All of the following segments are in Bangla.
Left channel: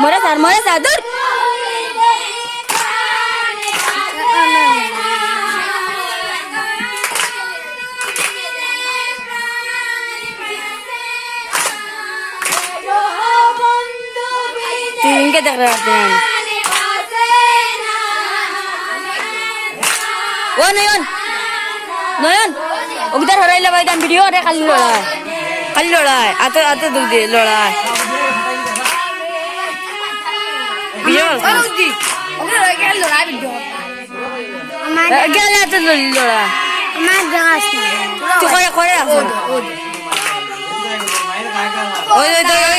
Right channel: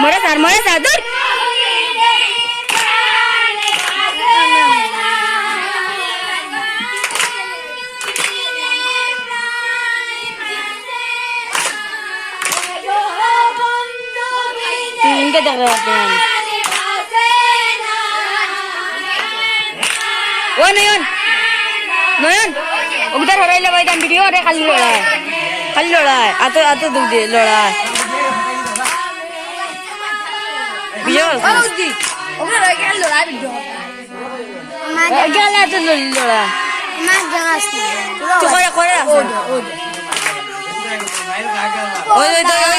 মরে স্যার দূর ইনকে দেখ রাখবেন ও নয়ন ওগদার হরাইলে ভাই দাম ভিডিও আরে খালি লড়াই আতো দুখ দিয়ে লড়াই ভিডিও গেলে এত লড়াই তুই করে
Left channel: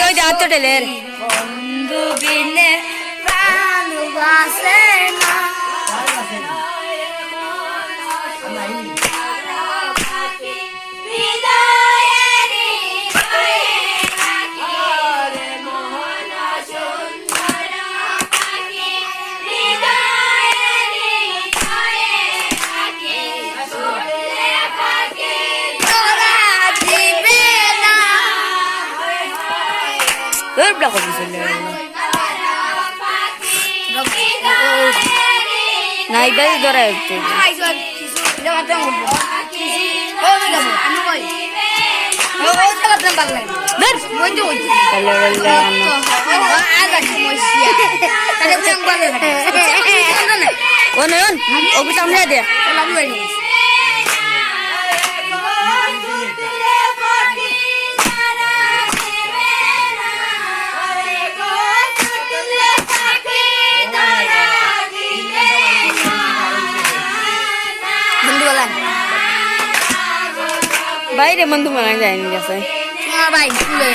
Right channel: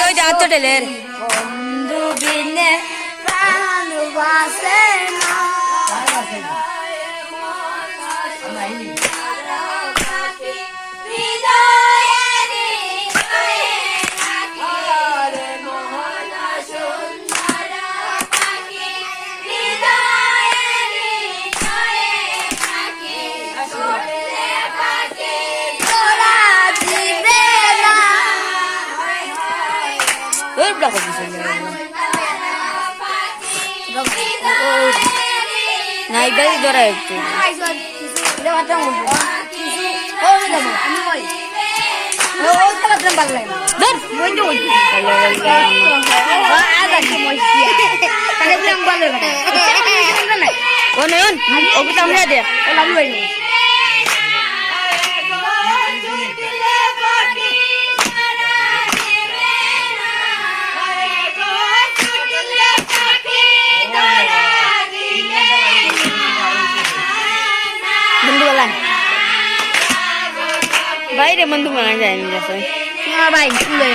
ওই যে আত্ম টেলের বন্ধু বিনে ভালোবাসে না না ইবাই ধরা একটু ও নয়ন ওকে সামনে দে বাইরে বন্ধু মানা যায়নি যাচ্ছে ভাই খুলে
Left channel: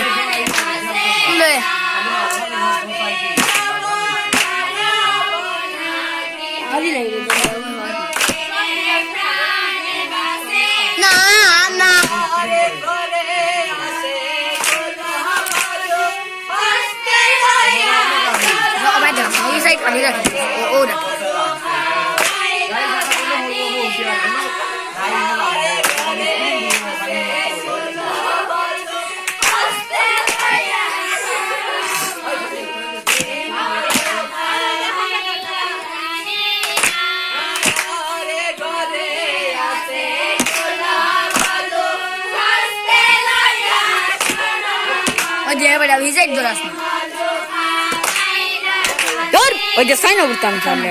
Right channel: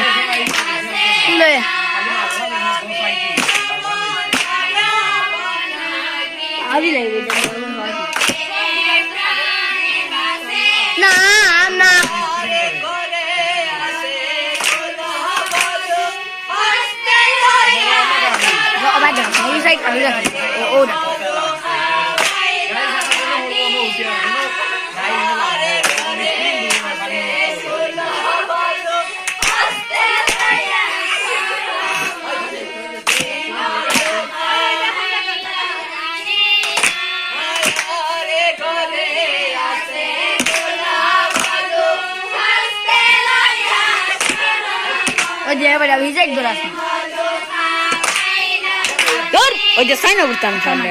ওই যে সাইন করতাম তাহলে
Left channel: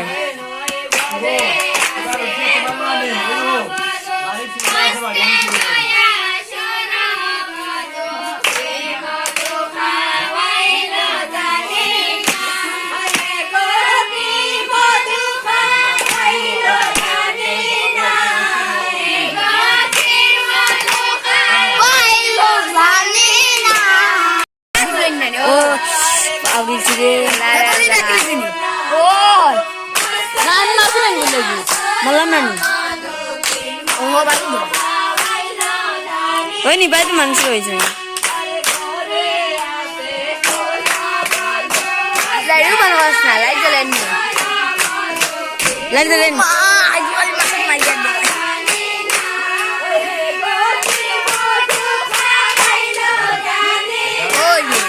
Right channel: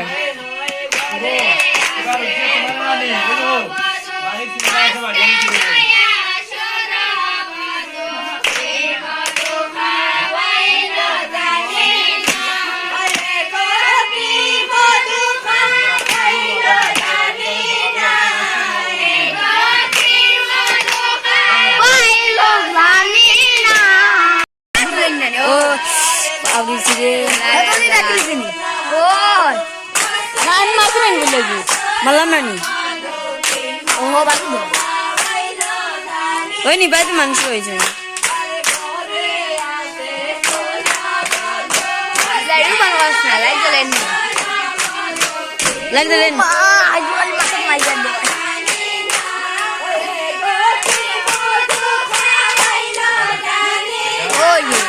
malam nani oh ini baik manusia aja lalu mana wasna lagi jalan oh iya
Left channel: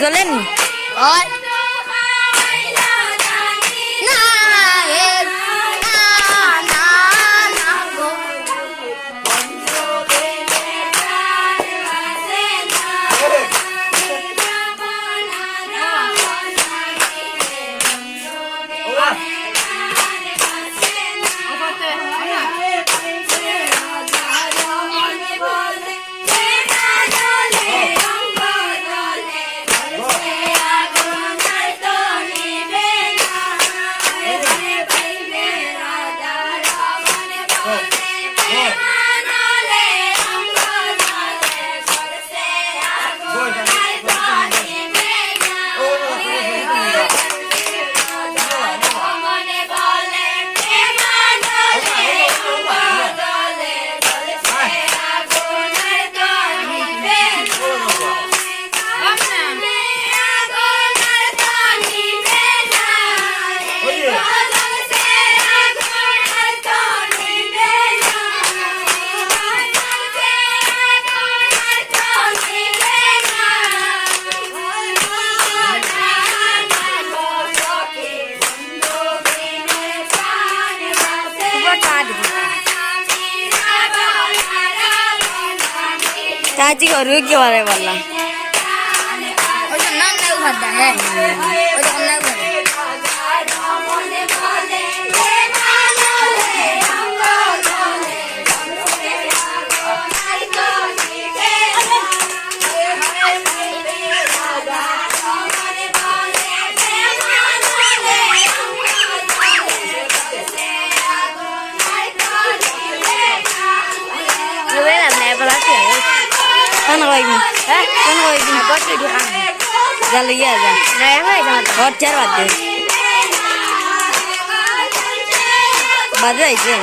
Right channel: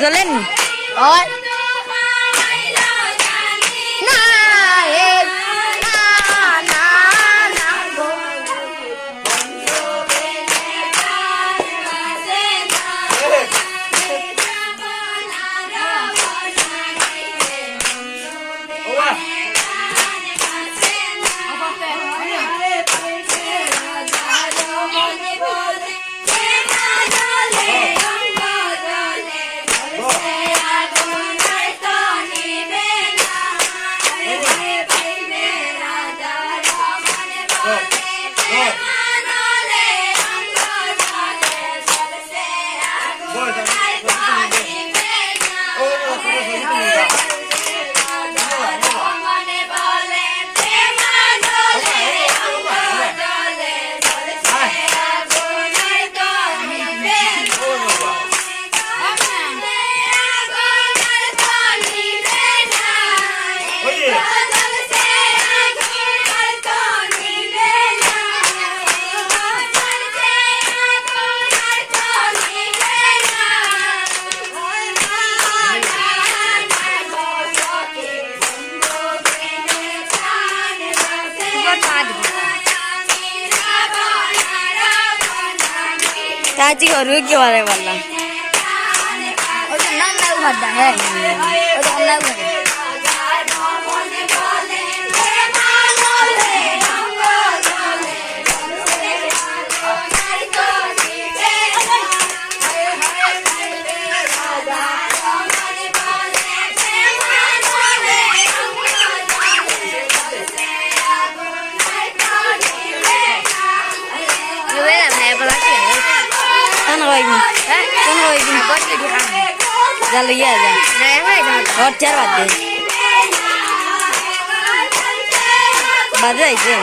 Jalan. Oh. চাচি ঘরে কি পারে বললাম Kan kau ini? Kan kau ini? Jalan ya aja. Hot jar bade. Bade aja.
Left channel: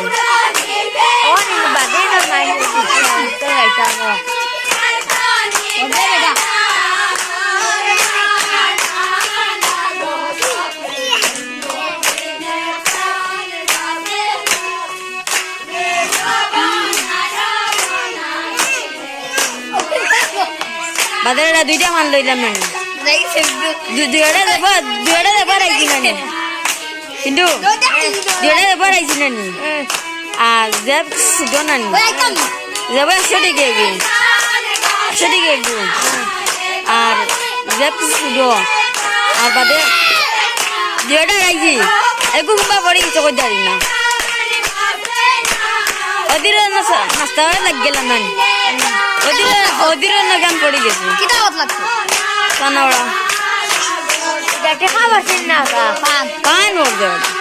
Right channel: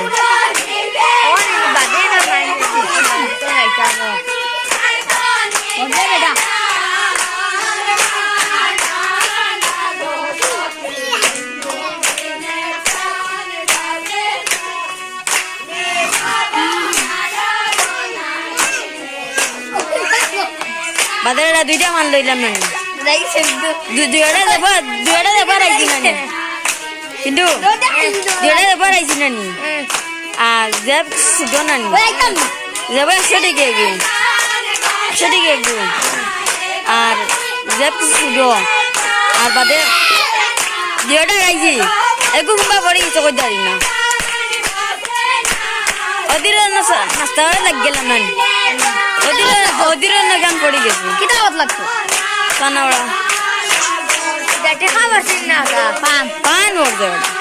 Oh, bade na main itu aja lo. Badara duita man loilam nani. Duita deba raisi nani. Hindu. Duita deba raisi nani. Zeb sudo nani. Zeb shadi gegi. Shadi gegi. Ar zeb sudo. Ar bade duita raisi. Egu kumba bori chokot dari na. Odira nasta laggelam nani. Odira na gan podi gesi. Kita मतलब Kanawada. देखा बस ना का Pan order.